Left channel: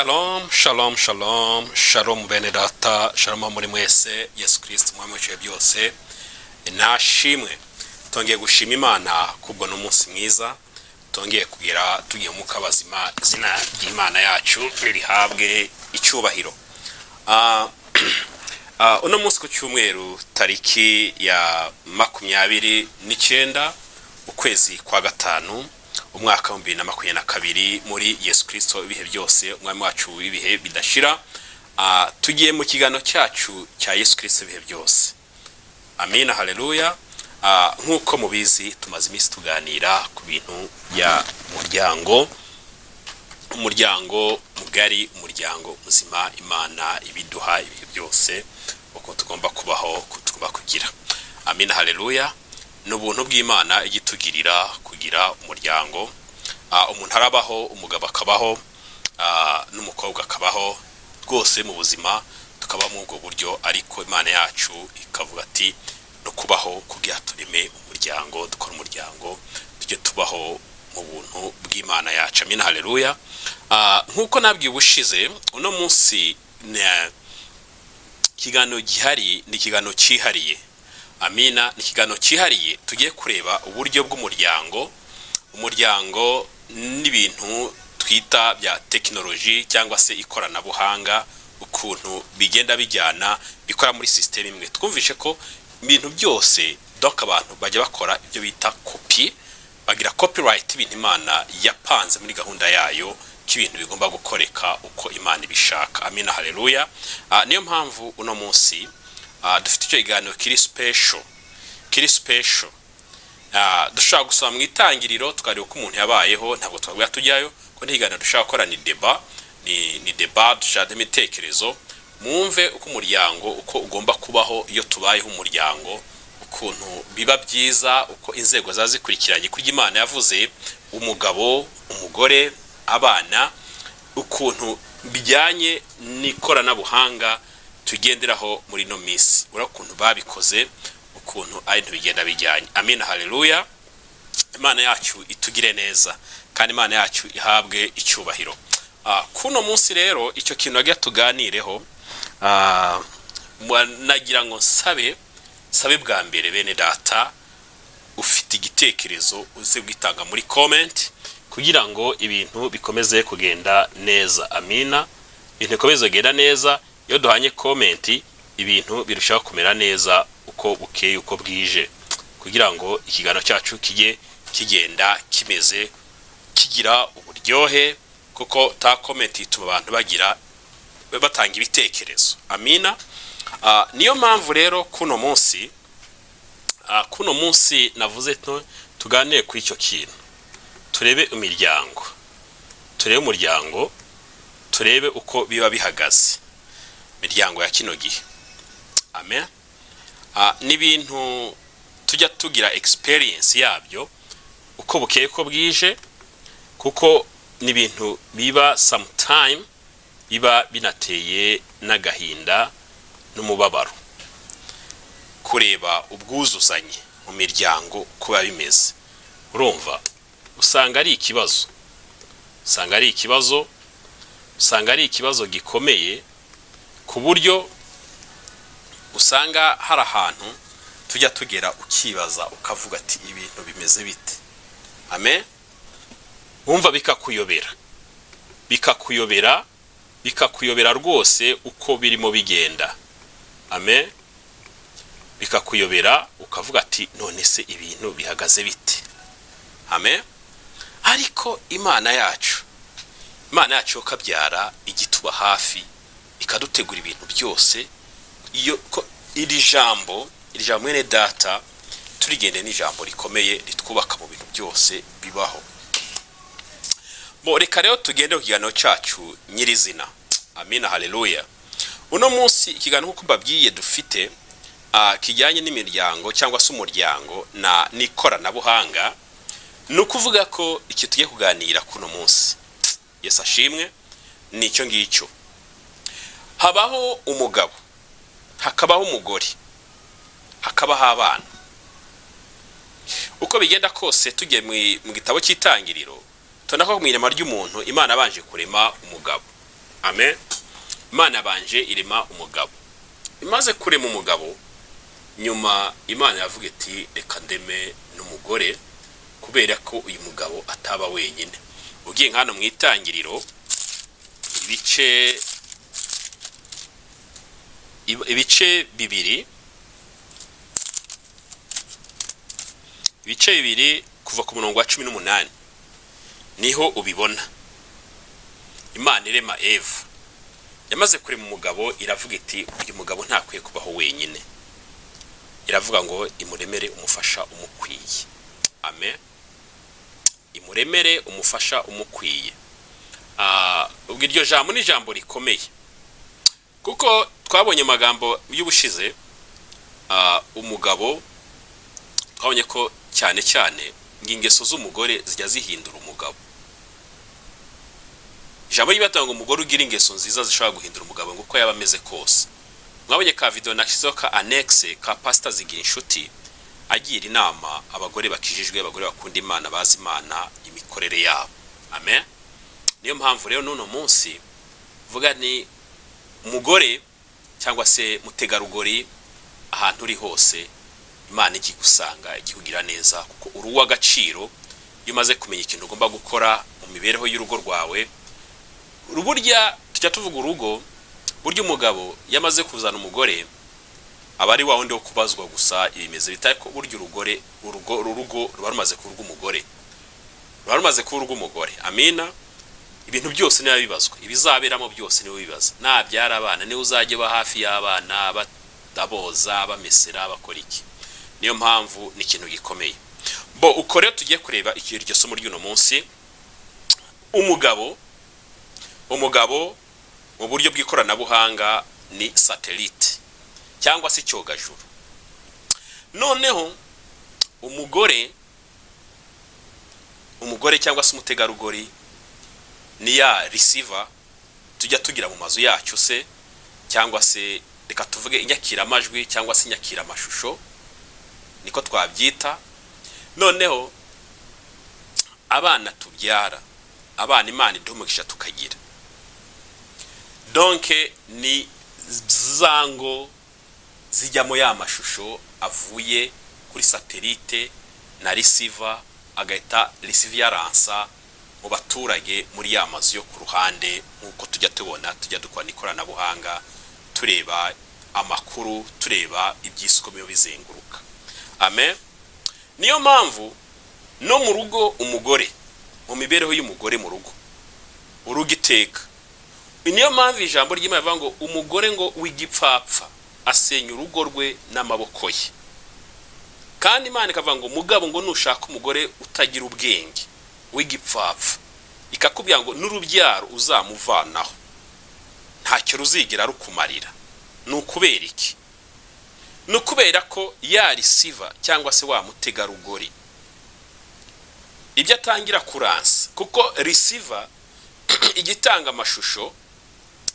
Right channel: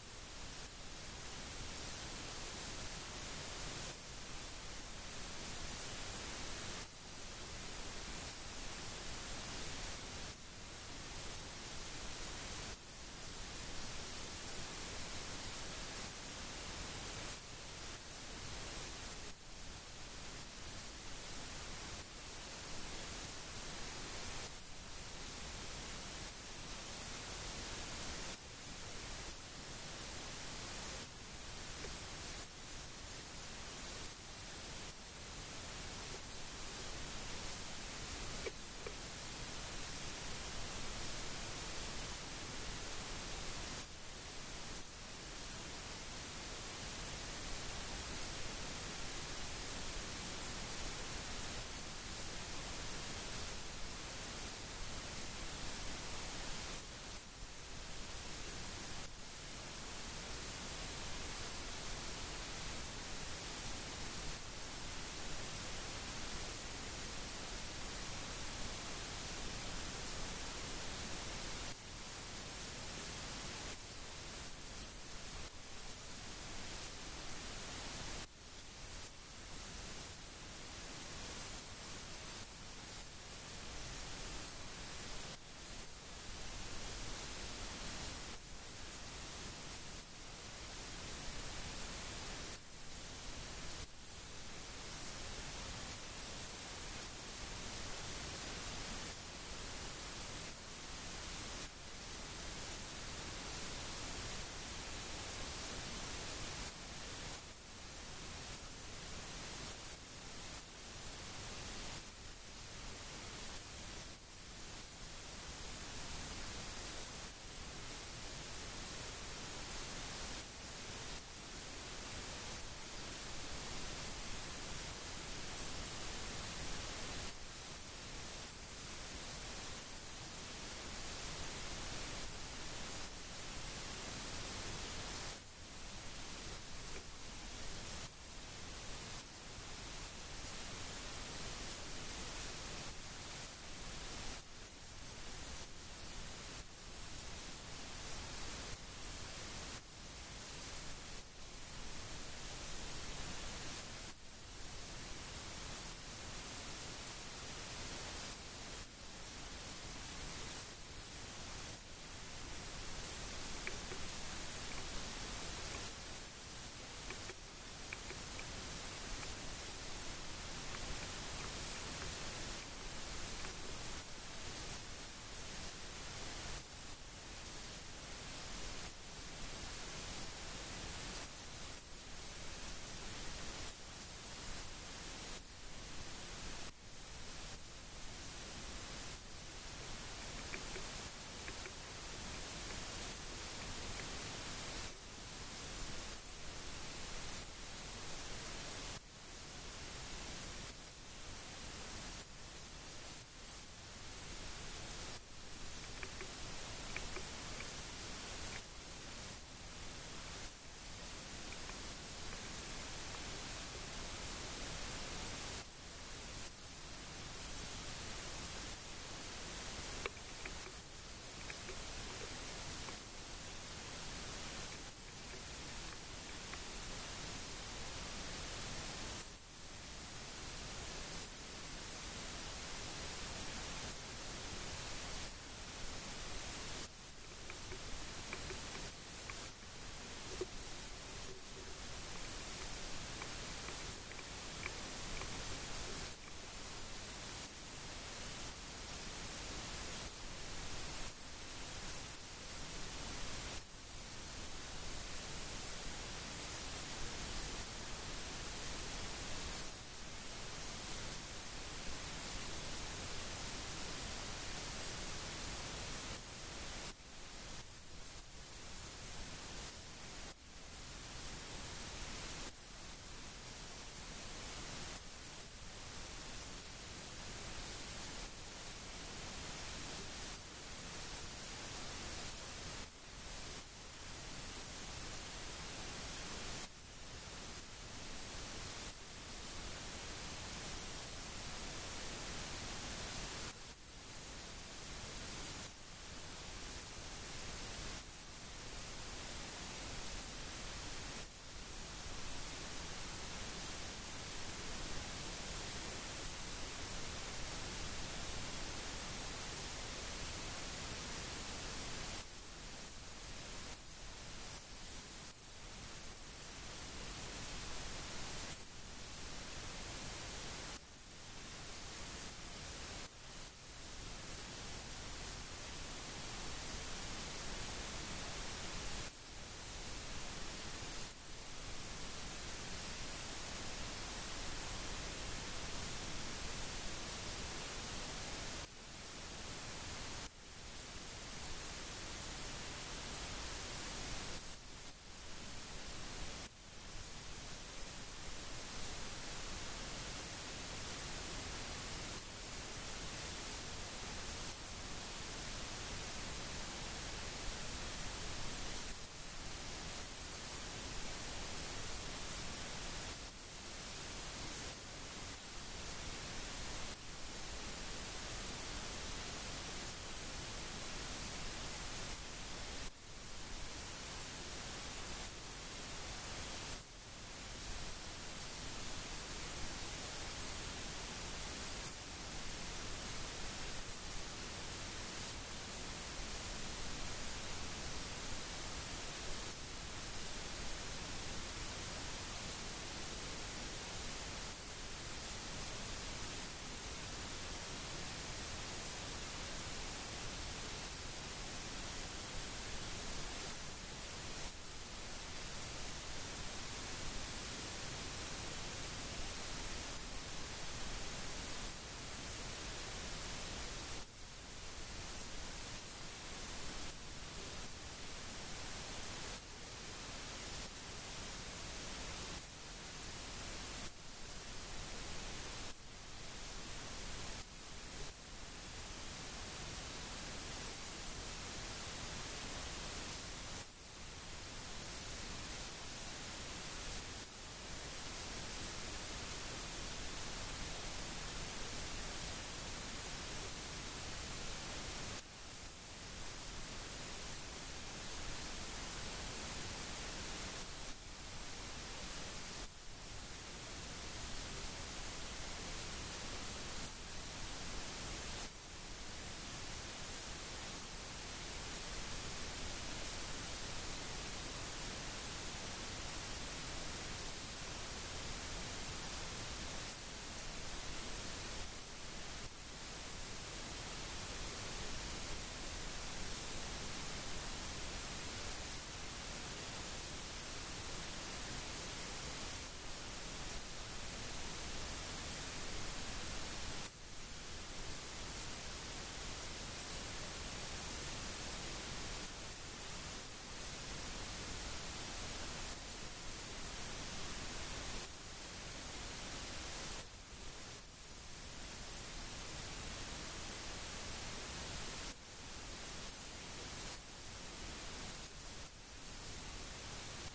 Shalom, shalom, shalom, shalom bene data, shalom muri mwese, Yesu Kristo mwami w'ibihe byose. Nashimwe, tongeye gushima Imana kubwo n'umunsi mwiza, tongeye kugira tugiye mu kabazima, izina ry'Imana yacu ririhabwe icyubahiro. Uno munsi ku cyumweru tariki ya 29 ukwezi kwa gatanu umwaka wa 2022 muri Yesu Kristo ibihe byose umwami wacu w'ibihe bidashira. Tugiye mu kigano cyacu cya Yesu Kristo ibihe byose. Amina, haleluya. Nkuko mubizi tumaze iminsi tuganira ku bintu ya umuryango mugari, umuryango muzima Imana ibiduha ibihe byose uko tugomba kubaho, tugomba kugira. Amina, haleluya. N'ubuntu bw'Imana igitugirira kugira umuryango. Umuntu arabaho, umugabo akabaho, n'umukobwa akabaho, rwose mu buzima tukaba mu ubwo buryo, ariko Imana yacu ikavuga ati no kubaho kugira tureme umuryango, dukora umuryango, tujye tubaho mu buntu bw'Imana yacu. Amina, haleluya. Nkuko nabwiye ubushize, uno munsi kigano gihari ni kigano cyihariye. Amina, ni kigano cyihariye tugiye kureba uburyo bw'umuryango, umuryango n'ibintu twita bya technology cyangwa se ikoranabuhanga, ukuntu bigenda bijyana bikora muri system imwe. Twumvishe ko ibintu byose doka abantu bajya bakora ibyo bita copy, bagira copyright ibintu Imana yapanze muri gahunda yayo k'ibintu bigomba gukoreka uko Imana ibishaka. Amina, haleluya. Niyo mpamvu uno munsi dufite icyo iganiro kiri special. Dushaka gusoma mu itangiriro tukareba uko umuntu yabayeho, ntabwo twabwira tujyayo ko ntiganira dushaka gukora ni debat dushaka imitekerezo, mwumve uko umuryango uko ugomba kubaho iyo tubayeho umuryango, ukuntu biba byiza, uko inzego zazikurikiranye kuri Imana yavuze umugabo, umugore, abana, ukuntu bijyanye n'ikoranabuhanga tugenderaho muri no minsi, urakuntu babikoze, ukuntu ari bigenda bijyanye. Amina, haleluya. Imana yacu itugire neza kandi Imana yacu ihabwe icyubahiro. Kuno munsi rero icyo kintu agiye tuganireho, nagira ngo sabe bwa mbere bene data, ufite igitekerezo uze gitanga muri comment kugira ngo ibintu bikomeze kugenda neza. Amina, ibintu bikomeze kugenda neza. Iyo duhanye comment ibintu birushaho kumera neza uko bukeye uko bwije, kugira ngo ikigano cyacu kijye kigenda kimeze kigira uburyohe, kuko ta comment ituma abantu bagira batanga ibitekerezo. Amina. Niyo mpamvu rero kuno munsi navuze tuganire ku icyo kintu, turebe umuryango, turebe uko biba bihagaze imiryango ya kino gihe. Amen. N'ibintu tujya tugira experience yabyo uko bukeye ko bwije, kuko n'ibintu biba sometime biba binateye n'agahinda n'umubabaro, kureba ubwuzuzanye mu miryango kuba bimeze. Urumva usanga ari ikibazo gikomeye, ku buryo usanga hari ahantu tujya tugera ukibaza ukavuga ati ibintu bimeze bite. Amen. Umva bikakuyobera rwose uko birimo bigenda. Amen. Bikakuyobera ukavuga ati none se ibintu bihagaze bite. Amen. Ariko Imana yacu kabyara igituba hafi ikadutegura ibintu byose. Iyo iri jambo mwene data turigende n'ijambo rikomeye ritwubaka mu bintu byose bibaho. Reka rero tugende ku kiganiro cyacu nyirizina. Amina, haleluya. Uno munsi ikiganiro nk'uko mbabwiye dufite kijyanye n'imiryango cyangwa se umuryango na nikoranabuhanga. Nukuvuga ko iki tugiye kuganira kuno munsi, Yesu ashimwe, nicyo ngicyo. Habaho umugabo, hakabaho umugore, hakabaho abana. Uko bigenda kose tujye mu gitabo cy'itangiriro, tubona ko mu irema ry'umuntu Imana abanje kurema umugabo. amen. Imana yabanje irema umugabo, imaze kurema umugabo nyuma Imana yavuga iti reka ndeme n'umugore kubera ko uyu mugabo ataba wenyine. Ugiye nkano mu itangiriro ibice bibiri kuva ku murongo wa 18 niho ubibona Imana irema Eva. Yamaze kurema umugabo iravuga iti uyu mugabo ntakwiye kubaho wenyine, iravuga ngo imuremere umufasha umukwiye. Amen. Imuremere umufasha umukwiye. Ubwo iryo jambo ni jambo rikomeye kuko twabonye amagambo y'ubushize. Umugabo twabonye ko cyane cyane ingeso z'umugore zijya zihindura umugabo. Ijambo ry'Imana umugore ugira ingeso nziza zishobora guhindura umugabo ngo uko yaba ameze kose. Mwabonye ka video nashyizeho ka annexe ka pastor zigira Nshuti agira inama abagore bakijijwe, abagore bakunda Imana, bazi Imana, imikorere yabo. Amen. Niyo mpamvu rero n'uno munsi vuga ni umugore cyangwa se mutegarugori ahantu uri hose Imana ikigusanga ikikugira neza kuko uruwa agaciro iyo umaze kumenya ikintu ugomba gukora mu mibereho y'urugo rwawe. Uruburya tujya tuvuga urugo, burya umugabo yamaze kuzana umugore abari wa wundi wo kubazwa gusa ibimeze bitari ko burya urugo ruba rumaze kurwa umugore, ruba rumaze kurwa umugore. Amina. Ibintu byose niba bibazwa, ibizaberamo byose niwe bibaza. Nabyara abana niwe uzajye ba hafi y'abana, badaboza, bamesera, bakora iki. Niyo mpamvu ni ikintu gikomeye. Uko rero tugiye kureba iryo somo ry'uno munsi. Umugabo mu buryo bw'ikoranabuhanga ni satellite cyangwa se icyogajuru. Noneho umugore cyangwa se umutegarugori ni ya receiver tujya tugira mu mazu yacu se, cyangwa se reka tuvuge inyakira amajwi cyangwa se inyakira amashusho, niko twabyita. Noneho abana tubyara, abana Imana iduhumugisha tukagira, donc ni zango zijyamo ya mashusho avuye kuri satellite na receiver, agahita receiver yaransa mu baturage muri ya mazu yo ku ruhande. Nkuko tujya tubona, tujya dukora ikoranabuhanga tureba amakuru, tureba ibyiskomyo bizenguruka. Amen. Niyo mpamvu no mu rugo umugore, mu mibereho y'umugore mu rugo, urugo iteka. Niyo mpamvu ijambo ry'Imana rivuga ngo umugore ngo w'igipfapfa asenya urugo rwe n'amaboko ye. Kandi Imana ikavuga ngo mugabo ngo nushaka umugore utagira ubwenge w'igipfapfa, ikakubwira ngo n'urubyaro uzamuvanaho ntacyo ruzigira rukumarira. Nukubera iki? Nukubera ko ya receiver cyangwa se wa mutegarugori ibyo atangira kuransa, kuko receiver igitanga amashusho,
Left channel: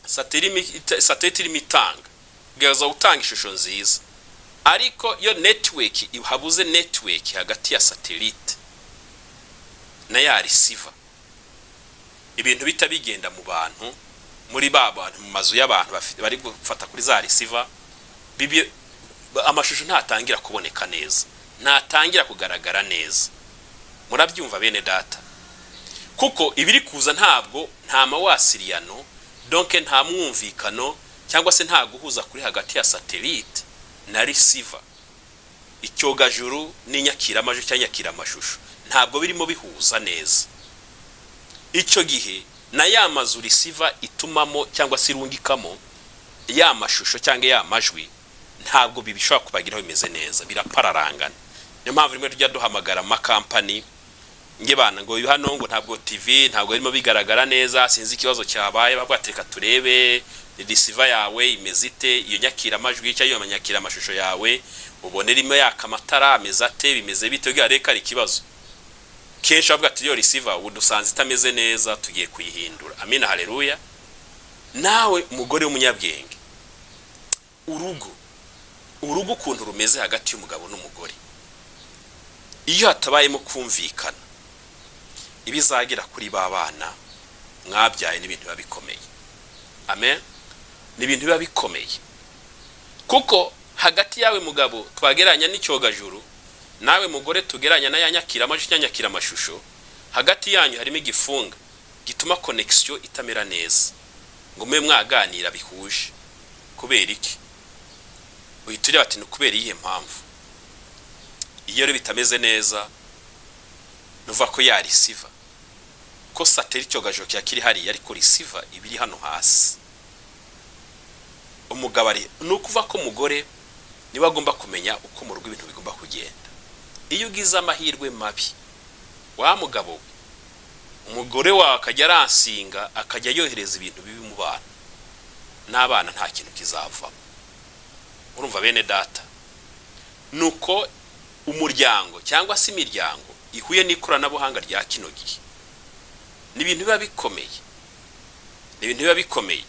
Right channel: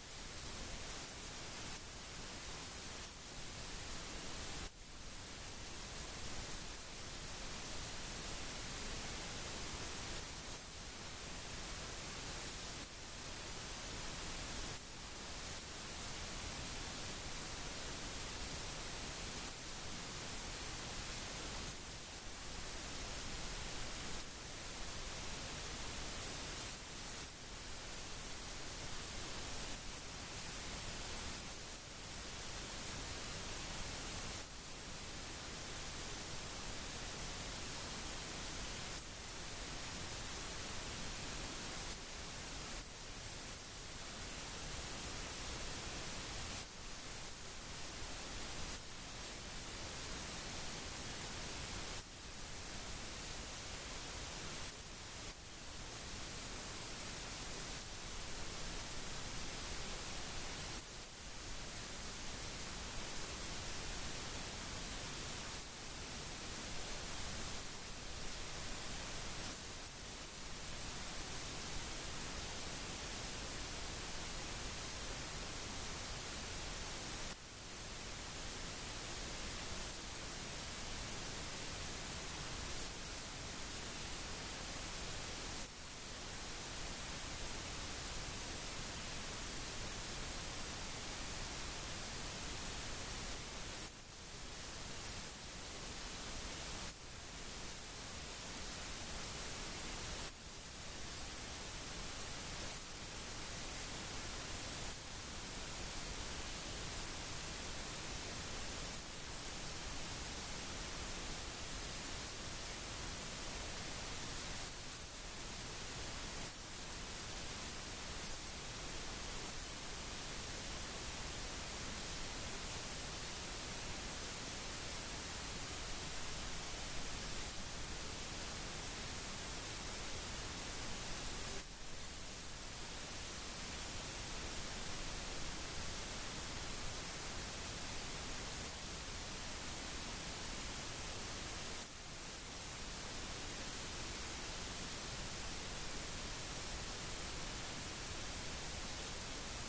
satellite irimo itanga gaza utanga ishusho nziza, ariko yo network habuze network hagati ya satellite na ya receiver, ibintu bitabigenda mu bantu, muri abantu mu mazu y'abantu bari gufata kuri za receiver, amashusho ntatangira kuboneka neza, ntatangira kugaragara neza. Murabyumva bene data? Kuko ibiri kuza ntabwo nta mawasiriyano, donc nta mwumvikano cyangwa se nta guhuza kuri hagati ya satellite na receiver. Icyogajuru n'inyakira amajwi cyangwa nyakira amashusho ntabwo birimo bihuza neza. Icyo gihe na ya mazu receiver itumamo cyangwa se irungikamo ya mashusho cyangwa ya majwi ntabwo bibishobora kubagiraho bimeze neza, birapararangana. Niyo mpamvu rimwe tujya duhamagara amakampani nge bana ngo hano ngo ntabwo TV ntabwo birimo bigaragara neza, sinzi ikibazo cyabaye, bagwatereka turebe receiver yawe imeze ite, iyo nyakira amajwi cyangwa iyo nyakira amashusho yawe ubone rimwe yakamatara ameze ate, bimeze bite, ugira reka ari kibazo. Kenshi bavuga ati iyo receiver udusanze itameze neza tugiye kuyihindura. Amina, haleluya. Nawe umugore w'umunyabwenge, urugo ukuntu rumeze hagati y'umugabo n'umugore, iyo hatabayemo kumvikana ibizagira kuri babana mwabyaye n'ibintu babikomeye. amen, ni ibintu biba bikomeye. Kuko hagati yawe mugabo twageranya n'icyogajuru, nawe mugore tugeranya na yanyakira amajwi nyanyakira amashusho, hagati yanyu harimo igifunga gituma connection itamera neza ngo mwe mwaganira bihuje. Kubera iki? Uyiturya bati ni kubera iyihe mpamvu? Iyo rero bitameze neza nuva ko ya receiver ko satellite cyogajuru cyakiri hari ariko receiver ibiri hano hasi. Umugabo ari nukuva ko mugore niba agomba kumenya uko mu rugo ibintu bigomba kugenda. Iyo ugize amahirwe mabi wa mugabo, umugore wawe akajya aransinga akajya yohereza ibintu bibi mu bana, n'abana nta kintu kizava. Urumva bene data, nuko umuryango cyangwa se imiryango ihuye n'ikoranabuhanga rya kino gihe ni ibintu biba bikomeye, ni ibintu biba bikomeye,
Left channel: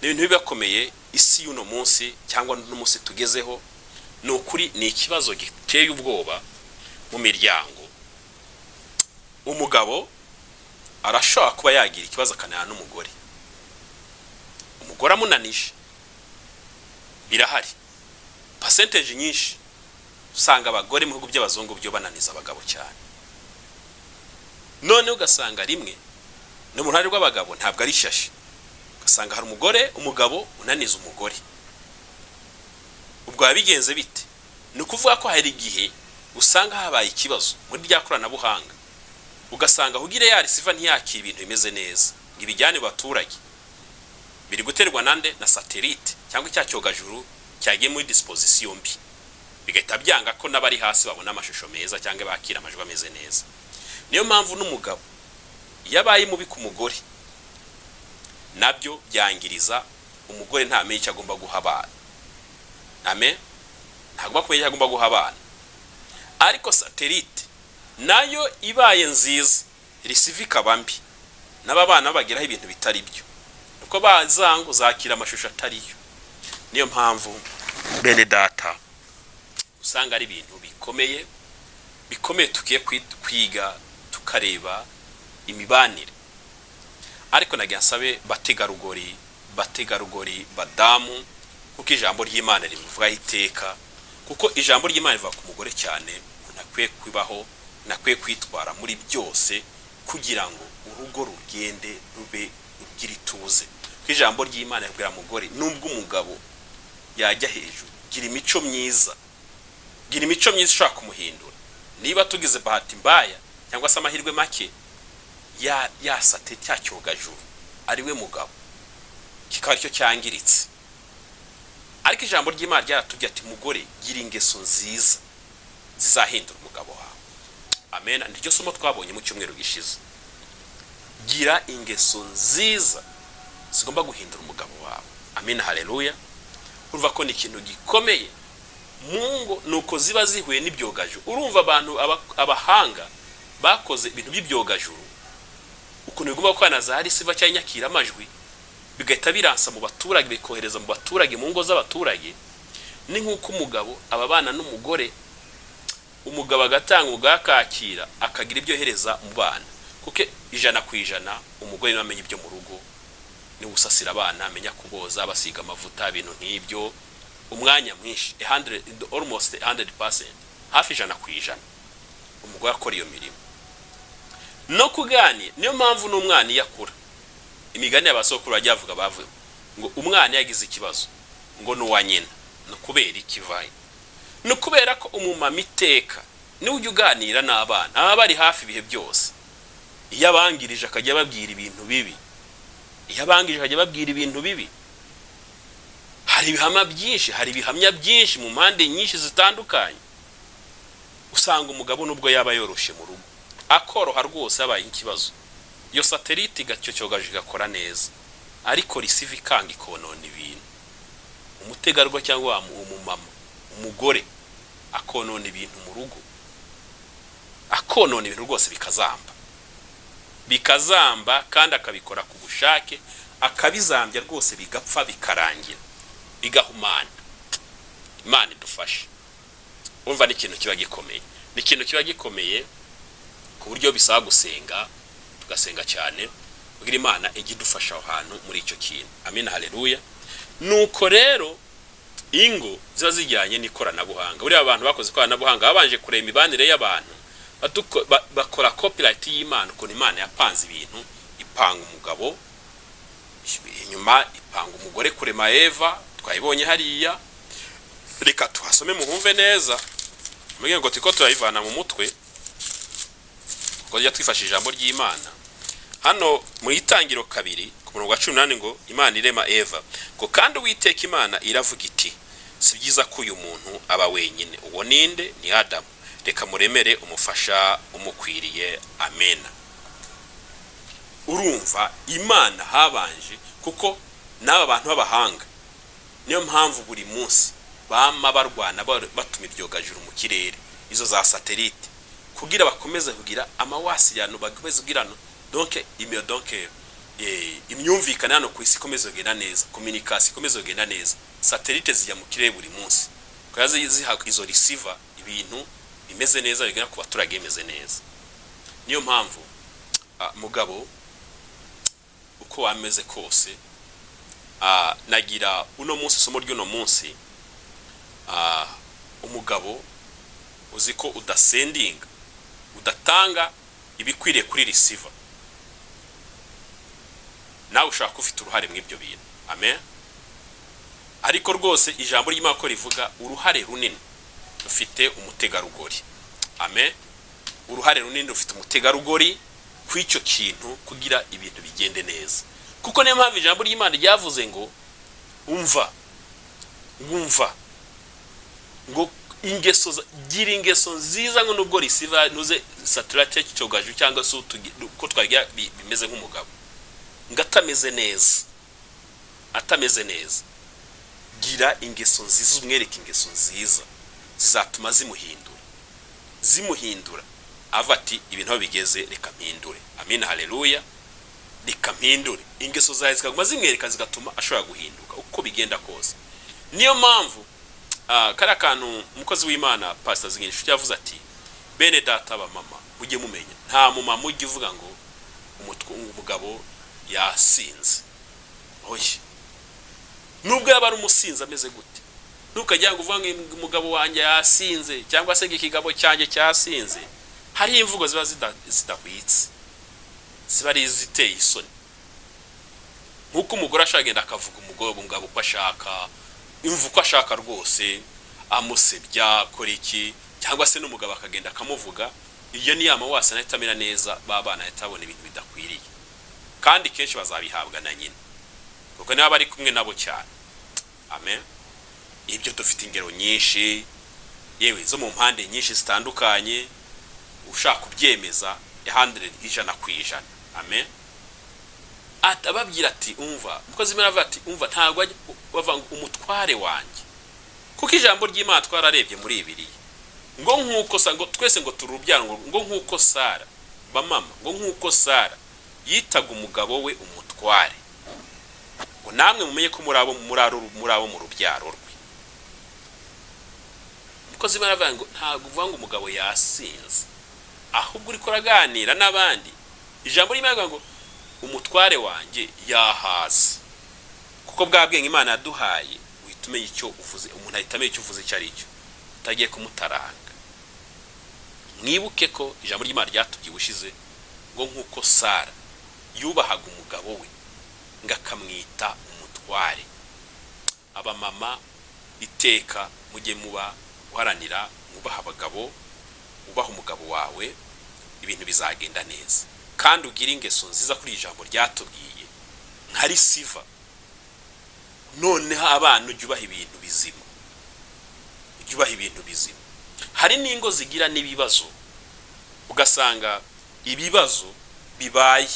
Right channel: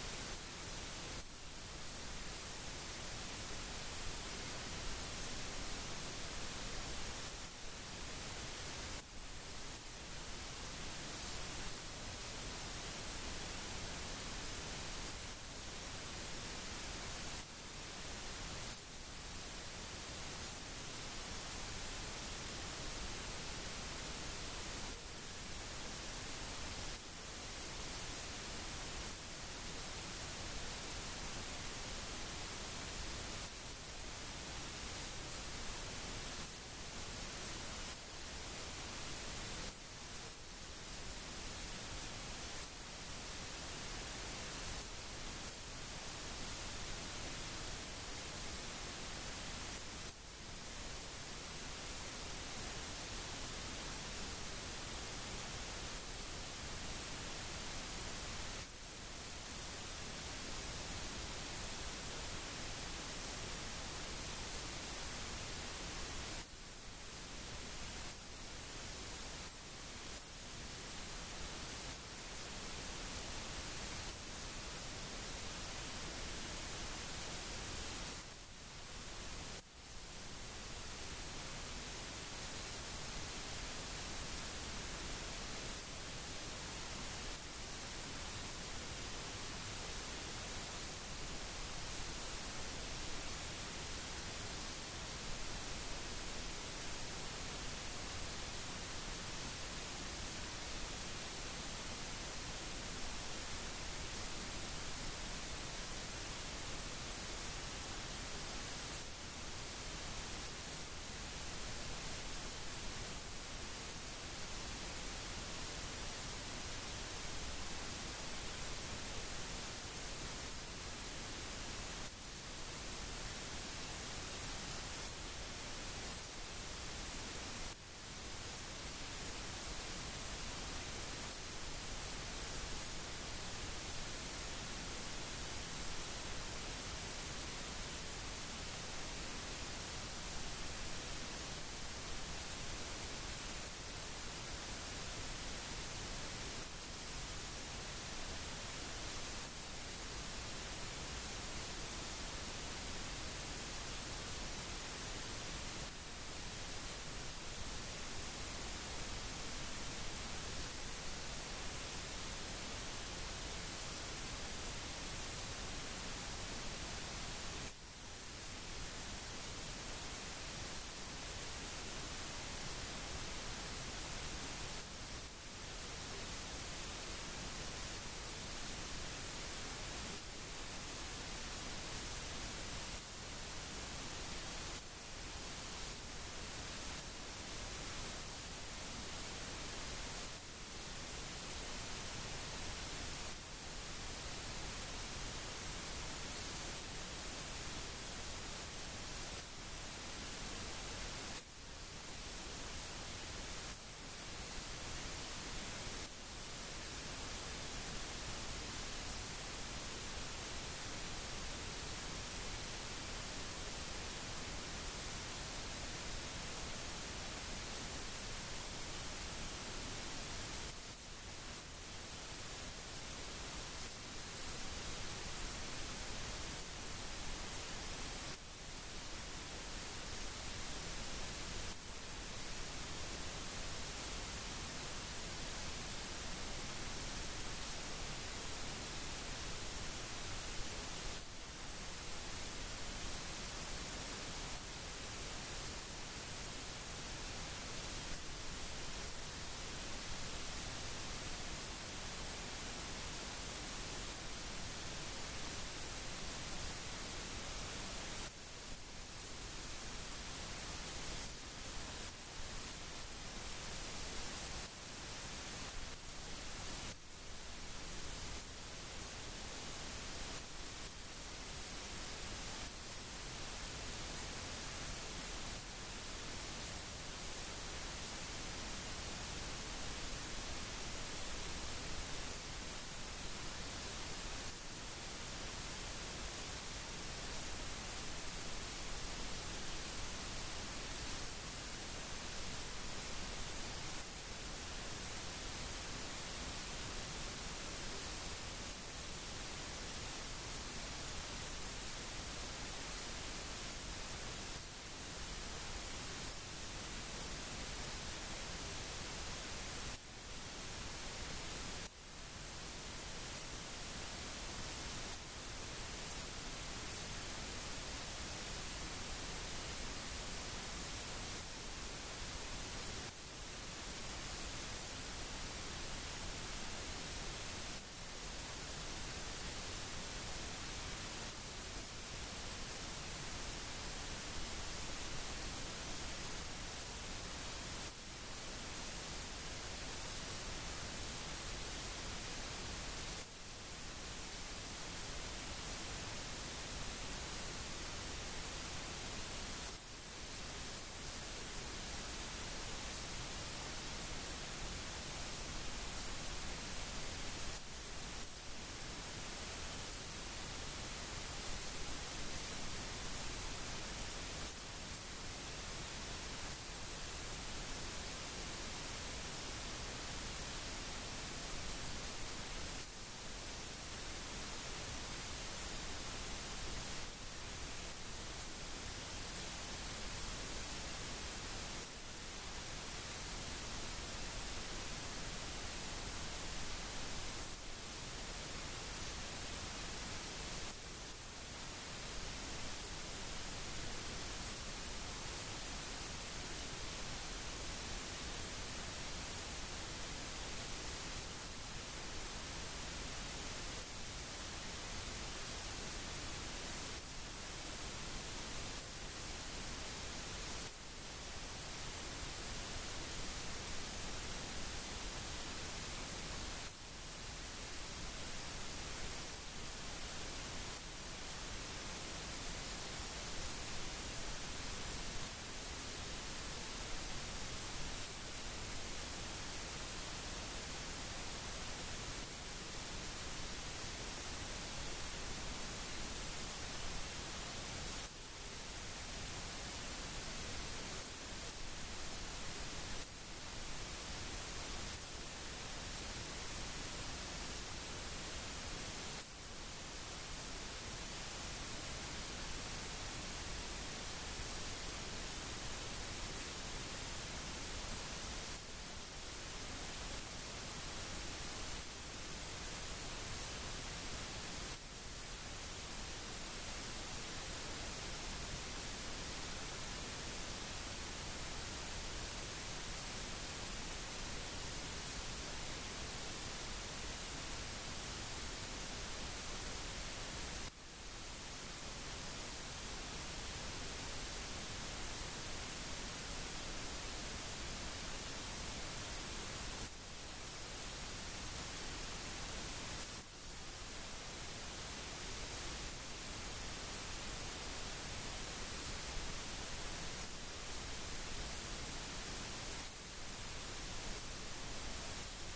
ni ibintu biba bikomeye. Isi y'uno munsi cyangwa n'umunsi tugezeho ni ukuri ni ikibazo giteye ubwoba mu miryango. Umugabo arashobora kuba yagira ikibazo akanana n'umugore, umugore amunanije. Birahari percentage nyinshi usanga abagore mu bihugu by'abazungu byo bananiza abagabo cyane. None ugasanga rimwe no mu ruhare rw'abagabo ntabwo ari shashi, ugasanga hari umugabo unaniza umugore. Ubwo yabigenze bite? Ni ukuvuga ko hari igihe usanga habaye ikibazo muri rya koranabuhanga, ugasanga hugire ya receiver ntiyakira ibintu bimeze neza, ibijyane baturage biri guterwa nande na satellite cyangwa icyacyogajuru cyagiye muri disposition mbi, bigahita byanga ko nabari hasi babona amashusho meza cyangwa bakira amajwi ameze neza. Niyo mpamvu n'umugabo yabaye mubi ku mugore nabyo byangiriza umugore, ntamenye icyo agomba guha abana. Amen, ntagomba kumenya icyo agomba guha abana. Ariko satellite nayo ibaye nziza, receiver ikaba mbi, n'aba bana bageraho ibintu bitari byo, uko bazango zakira amashusho atariyo. Niyo mpamvu bene data usanga ari ibintu bikomeye tukiye kwiga tukareba imibanire. Ariko nagiye nsabe bategarugori badamu, kuko ijambo ry'Imana rivuga iteka, kuko ijambo ry'Imana rivuga ku mugore cyane, nakwiye kwibaho, nakwiye kwitwara muri byose kugira ngo urugo rugende rube rugira ituze. Kuko ijambo ry'Imana ribwira mugore nubwo umugabo yajya hejuru, gira imico myiza ishaka kumuhindura. Niba tugize bahati mbaya cyangwa se amahirwe make, yasate cyacyogajuru ari we mugabo, kikaba cyo cyangiritse. Ariko ijambo ry'Imana ryaratubwiye ati mugore gira ingeso nziza zizahindura umugabo wawe. Amen. Niryo somo twabonye mu cyumweru gishize. Gira ingeso nziza zigomba guhindura umugabo wawe. Amen, haleluya. Urumva ko ni ikintu gikomeye mungo, nuko ziba zihuye n'ibyogajuru. Urumva abantu abahanga bakoze ibintu by'ibyogajuru, ukuntu bigomba kwanaza hari siva cyangwa nyakira amajwi, bigahita biransa mu baturage, bikohereza mu baturage, mu ngo z'abaturage. Ni nkuko umugabo ababana n'umugore, umugabo agatanga ugakakira akagira ibyo hereza mu bana, kuko 100% umugore namenye ibyo mu rugo, ni gusasira abana, amenya kuboza, basiga amavuta, ibintu nk'ibyo. Umwanya mwinshi almost 100%, hafi 100% umugore akora iyo mirimo no kugani. Niyo mpamvu n'umwana yakura, imigani y'abasokuru bajyavuga bavuga ngo umwana yagize ikibazo ngo nuwa nyina, no kubera ikivaye, no kubera ko umumama iteka ni ujya uganira n'abana, aba bari hafi ibihe byose. Iyo abangirije akajya babwira ibintu bibi, hari ibihamya byinshi mu mpande nyinshi zitandukanye. Usanga umugabo nubwo yaba yoroshe mu rugo akoroha rwose abaye ikibazo, iyo satellite gacyogaje gakora neza, ariko receive ikanga ikonona ibintu. Umutegarwa cyangwa umumama, umugore akonona ibintu mu rugo, akonona ibintu rwose bikazamba kandi akabikora ku bushake, akabizambya rwose bigapfa bikarangira, bigahumana. Imana idufashe. Umva ni ikintu kiba gikomeye, ku buryo bisaba gusenga, tugasenga cyane kugira Imana igidufasha aho hantu muri icyo kintu. Amen, haleluya. Nuko rero ingo ziba zijyanye n'ikoranabuhanga. Buri abantu bakoze ikoranabuhanga babanje kureba imibanire y'abantu, bakora copyright y'Imana, ukuntu Imana yapanze ibintu, ipanga umugabo inyuma, ipanga umugore kurema Eva, twayibonye hariya. Reka tuhasome muhumve neza, mugiye ngo tiko turayivana mu mutwe ngo ya twifashije ijambo ry'Imana. Hano mu itangiro 2 ku murongo wa 18 ngo Imana irema Eva, ngo kandi Uwiteka Imana iravuga iti si byiza ko uyu muntu aba wenyine. Uwo ninde? Ni Adamu. Reka muremere umufasha umukwiriye. Amen. Urumva Imana habanje, kuko n'aba bantu b'abahanga niyo mpamvu buri munsi bama barwana batuma ibyogajuru mu kirere, izo za satellite, kugira bakomeze kugira amawasirano, bakomeze kugirana donc imyumvikana hano ku isi ikomeze kugenda neza, communication ikomeze kugenda neza. Satellite zijya mu kirere buri munsi, kwaza ziha izo receiver ibintu bimeze neza, bigera ku baturage bimeze neza. Niyo mpamvu mugabo uko ameze kose, nagira uno munsi somo ry'uno munsi, umugabo uziko udasendinga, udatanga ibikwiriye kuri receiver, nawe ushaka ufite uruhare mu ibyo bintu. Amen. Ariko rwose ijambo ry'Imana ko rivuga uruhare runini ufite umutegarugori. Amen. Uruhare runini ufite umutegarugori kw'icyo kintu kugira ibintu bigende neza. Kuko niyo mpamvu ijambo ry'Imana ryavuze ngo umva ngo gira ingeso nziza, ngo nubwo risiva nuze saturate cyogaju cyangwa se uko twagira bimeze nk'umugabo ngatameze neza, gira ingeso nziza, umwereke ingeso nziza zizatuma zimuhindura ava ati ibintu bigeze reka mpindure. Amen, haleluya. Reka mpindure ingeso zawe zikaguma zimwereka, zigatuma ashobora guhinduka uko bigenda kose. Niyo mpamvu kara kantu umukozi w'Imana Pastor Nshuti yavuze ati bene data ba mama ujye mumenya, nta mumama ujye uvuga ngo umugabo yasinze. Oye, nubwo yaba ari umusinzi ameze gute, ntukajya ngo uvuga ngo umugabo wanjye yasinze cyangwa se ikigabo cyanjye cyasinze. Hari imvugo ziba zidahwitse, ziba ari ziteye isoni. Nkuko umugore ashagenda akavuga umugabo uko ashaka, imvugo uko ashaka rwose, amusebya kora iki, cyangwa se n'umugabo akagenda akamuvuga. Iyo ni amawasa nahitamira neza, babana yatabona ibintu bidakwiriye, kandi kenshi bazabihabwa na nyine, kuko niba bari kumwe nabo cyane. Amen. Ibyo dufite ingero nyinshi, yewe zo mu mpande nyinshi zitandukanye, ushaka kubyemeza 100%. Amen. Atababwira ati umva, mukozi Imana avuga ati umva, ntago bava umutware wanjye, kuko ijambo ry'Imana twararebye muri ibiri ngo nkuko ngo twese ngo turubyara ngo nkuko Sara bamama, ngo nkuko Sara yitaga umugabo we umutware, ngo namwe mumenye ko muri abo mu rubyaro rwe. Mukozi Imana avuga ngo ntago uvuga ngo umugabo yasinze, ahubwo uri koraganira n'abandi. Ijambo ry'Imana ngo umutware wanjye yahaze, kuko bwabwenge Imana yaduhaye uhitumenye icyo uvuze, umuntu ahitamenye icyo uvuze cyari cyo, utagiye kumutaranga. Mwibuke ko ijambo ry'Imana ryatubyibushize ngo nkuko Sara yubahaga umugabo we ngakamwita umutware. Abamama iteka mujye muba guharanira ubaha abagabo, ubaha umugabo wawe, ibintu bizagenda neza. Kandi ugira ingeso nziza kuri ijambo ryatubwiye nka risiva. Noneho abana ubyubaha ibintu bizima, Hari n'ingo zigira n'ibibazo, ugasanga ibibazo bibaye,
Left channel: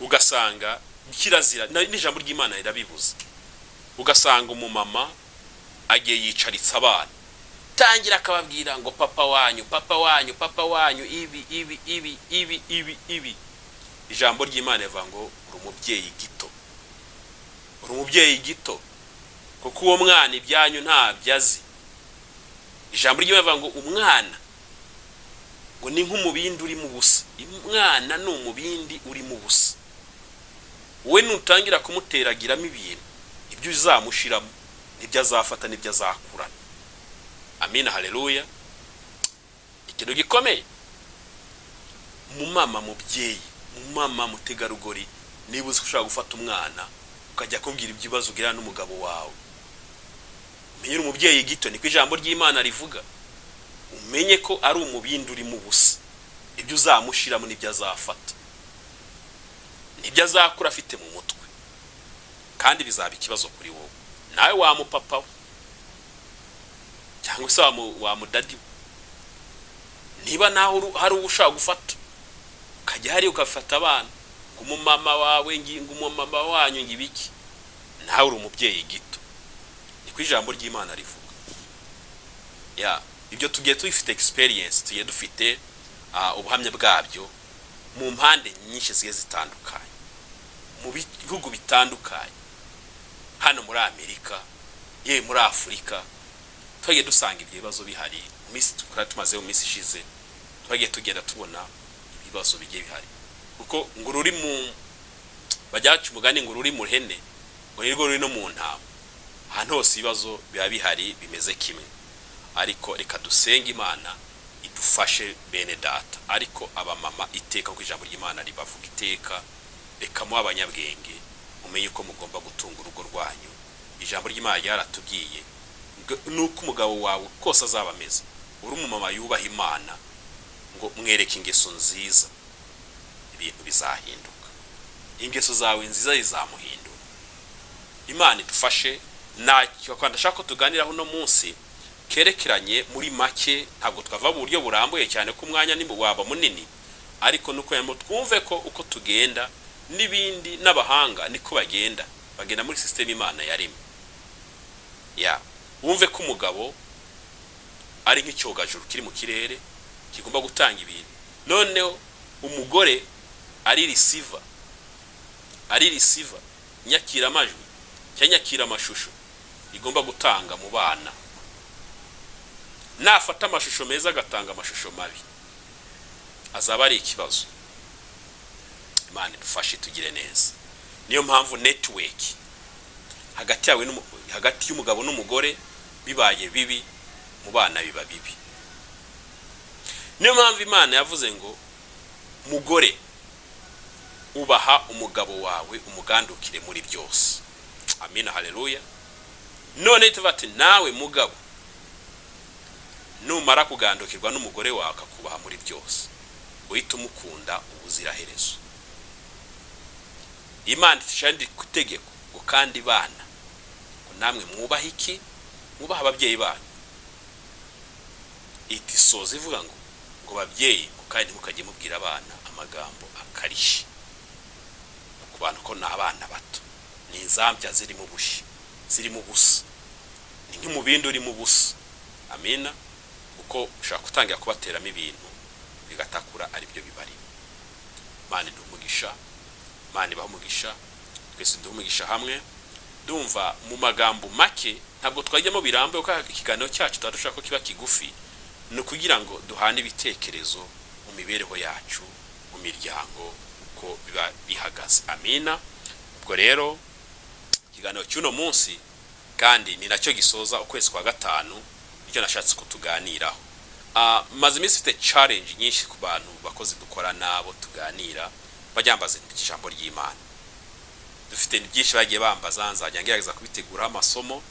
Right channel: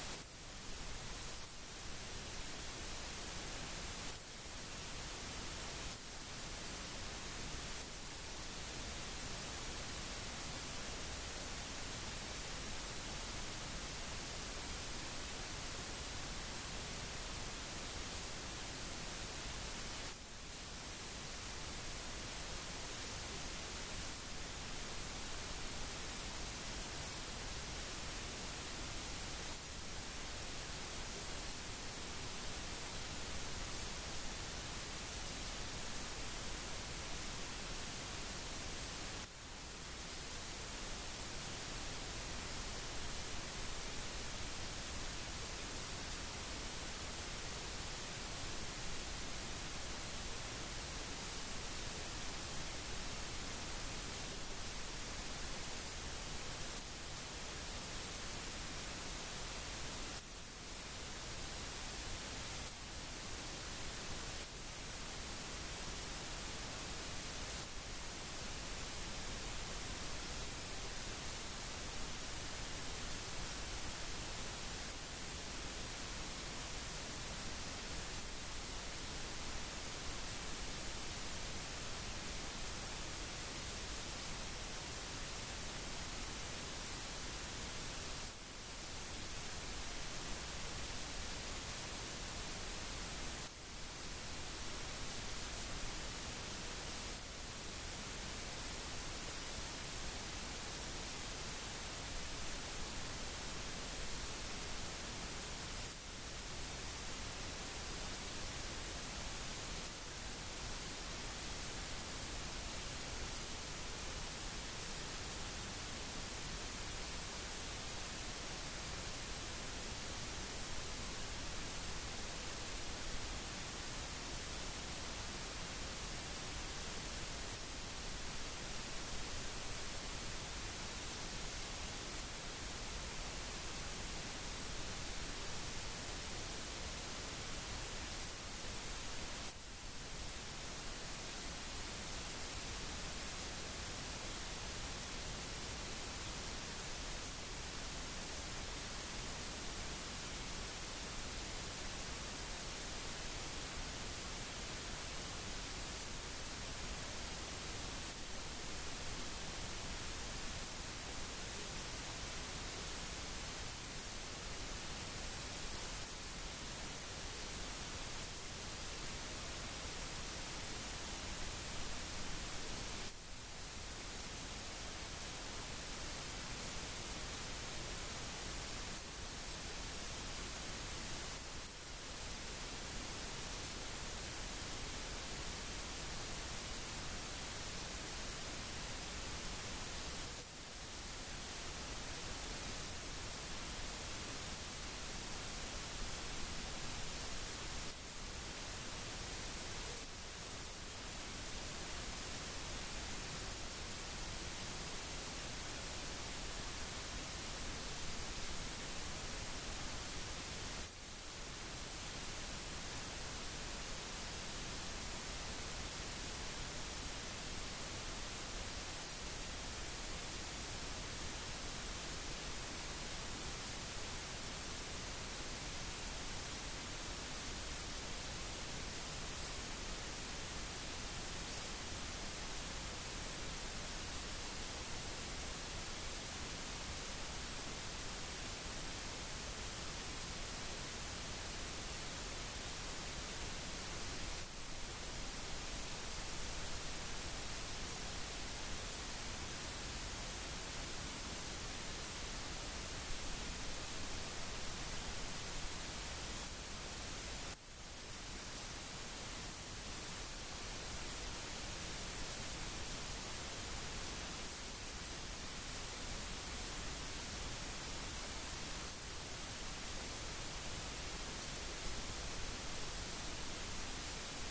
ugasanga kirazira n'ijambo ry'Imana rirabibuza. Ugasanga umumama agiye yicaritsa abana, tangira akababwira ngo papa wanyu ibi. Ijambo ry'Imana rivuga ngo uri umubyeyi gito, kuko uwo mwana ibyanyu ntabyo azi. Ijambo ry'Imana rivuga ngo umwana ngo ni nk'umubindi uri mu busa. Umwana ni umubindi uri mu busa, we nutangira kumuteragiramo ibintu, ibyo uzamushiramo nibyo azafata, nibyo azakura. Amina, haleluya. Ikintu gikomeye, umumama mubyeyi, umumama mutegarugori, niba uzi ushaka gufata umwana ukajya kumbwira ibibazo ugira n'umugabo wawe, menye umubyeyi gito, niko ijambo ry'Imana rivuga. Umenye ko ari umubindi uri mu busa, ibyo uzamushiramo nibyo azafata, nibyo azakura afite mu mutwe, kandi bizaba ikibazo kuri wowe. Nawe wa mupapa we cyangwa se wa mudadi, niba naho hari ushaka gufata ukajya hari ukafata abana, umumama wawe ngingo umumama wanyu ngibiki, nawe uri umubyeyi gito, niko ijambo ry'Imana rivuga. Ibyo tugiye tubifite experience, tugiye dufite ubuhamya bwabyo mu mpande nyinshi zigiye zitandukanye, mu bihugu bitandukanye, hano muri Amerika, yewe muri Afurika, twagiye dusanga ibyo bibazo bihari. Misi tumaze mu misi ishize, twagiye tugenda tubona ibibazo bigiye bihari, kuko ngo ruri mu bajyacu mugani, ngo ruri mu hene, ngo nirwo ruri no mu ntama. Ahantu hose ibibazo biba bihari bimeze kimwe, ariko reka dusenge Imana idufashe bene data. Ariko abamama iteka ku ijambo ry'Imana ribavuga iteka, reka mu abanyabwenge umenye uko mugomba gutunga urugo rwanyu. Ijambo ry'Imana ryaratubwiye nuko umugabo wawe kose azaba ameze, uri umumama yubaha Imana, ngo mwereke ingeso nziza, ibintu bizahinduka. Ingeso zawe nziza zizamuhinduka. Imana idufashe. Nacyo kandi ndashaka ko tuganiraho no munsi kerekeranye muri make, ntabwo twava mu buryo burambuye cyane ko umwanya nimba waba munini, ariko nuko yamo twumve ko uko tugenda n'ibindi n'abahanga niko bagenda muri system Imana yarimo. Wumve ko umugabo ari nk'icyogajuru kiri mu kirere kigomba gutanga ibintu, noneho umugore ari receiver, nyakira amajwi cyangwa nyakira amashusho igomba gutanga mu bana. Nafata amashusho meza agatanga amashusho mabi, azaba ari ikibazo. Imana idufashe tugire neza. Niyo mpamvu network hagati y'umugabo n'umugore bibaye bibi, mu bana biba bibi. Niyo mpamvu Imana yavuze ngo mugore ubaha umugabo wawe, umugandukire muri byose. Amina, haleluya. None tuvate nawe mugabo numara kugandukirwa n'umugore wawe akakubaha muri byose, uhita umukunda ubuziraherezo. Imana ishandi kutegeko ngo kandi bana, namwe mwubaha iki? Mwubaha ababyeyi banyu. Itisoza ivuga ngo babyeyi kandi mukajye mubwira abana amagambo akarishi, ku bantu ko n'abana bato, ni inzambya ziri mu bushi, ziri mu busa, ni nk'umubindi uri mu busa. Amina. Uko ushaka gutangira kubateramo ibintu bigatakura ari byo bibari. Imana idumugisha, Imana ibahumugisha, twese dumugisha hamwe. Ndumva mu magambo make, ntabwo twajyamo birambuye ko ikiganiro cyacu twadushaka ko kiba kigufi, no kugira ngo duhane ibitekerezo mu mibereho yacu, mu miryango, uko biba bihagaze. Amina. Ubwo rero ikiganiro cy'uno munsi kandi ni nacyo gisoza ukwezi kwa gatanu, icyo nashatse kutuganiraho. Maze iminsi mfite challenge nyinshi ku bantu bakozi dukora nabo tuganira, bajyambaza ijambo ry'Imana. Dufite byinshi bagiye bambaza, nzajya ngerageza kubitegura amasomo,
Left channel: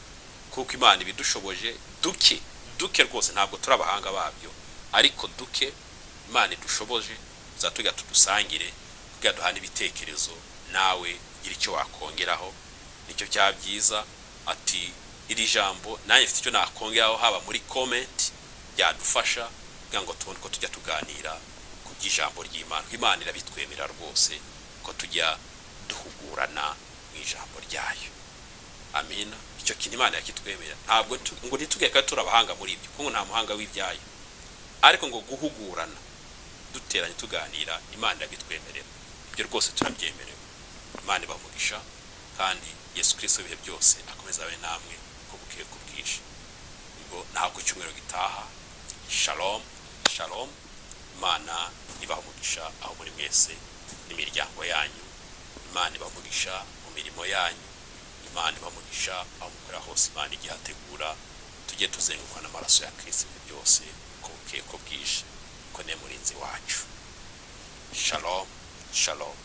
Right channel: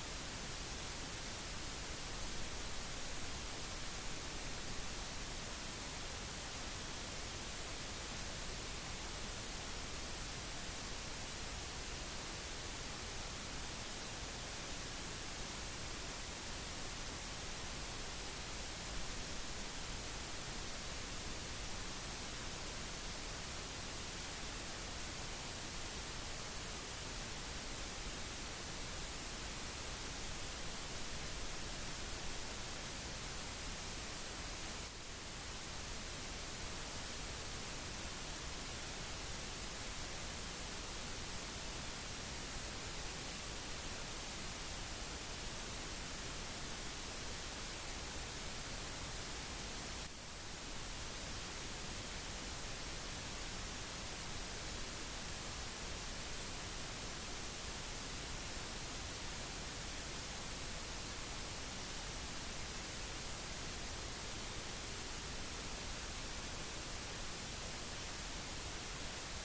kuko Imana ibidushoboje duke rwose, ntabwo turabahanga babyo, ariko duke Imana idushoboje zatujya tudusangire, tugaduhana ibitekerezo, nawe gira icyo wakongeraho. Nicyo cyabyiza ati iri jambo nanjye mfite icyo nakongeraho, haba muri comment byadufasha kugira ngo tubone ko tujya tuganira ku by'ijambo ry'Imana. Imana irabitwemera rwose ko tujya duhugurana mu ijambo ryayo. Amina. Icyo kintu Imana yakitwemera, ntabwo ngo nitugeka turabahanga muri ibyo, kuko nta muhanga w'ibyayo, ariko ngo guhugurana duteranye tuganira, Imana irabitwemerera. Ibyo rwose turabyemerewe. Imana ibamugisha, kandi Yesu Kristo bihe byose akomeza abe namwe ko bukiye kubwisha. Ubwo ntabwo cyumwero gitaha. Shalom, shalom. Imana ibamugisha aho muri mwese n'imiryango yanyu. Imana ibamugisha mu mirimo yanyu. Imana ibamugisha aho mukora hose. Imana igihategura tujye tuzenguka n'amaraso ya Kristo byose ko bwije ko ne murinzi wacu. Shalom, shalom.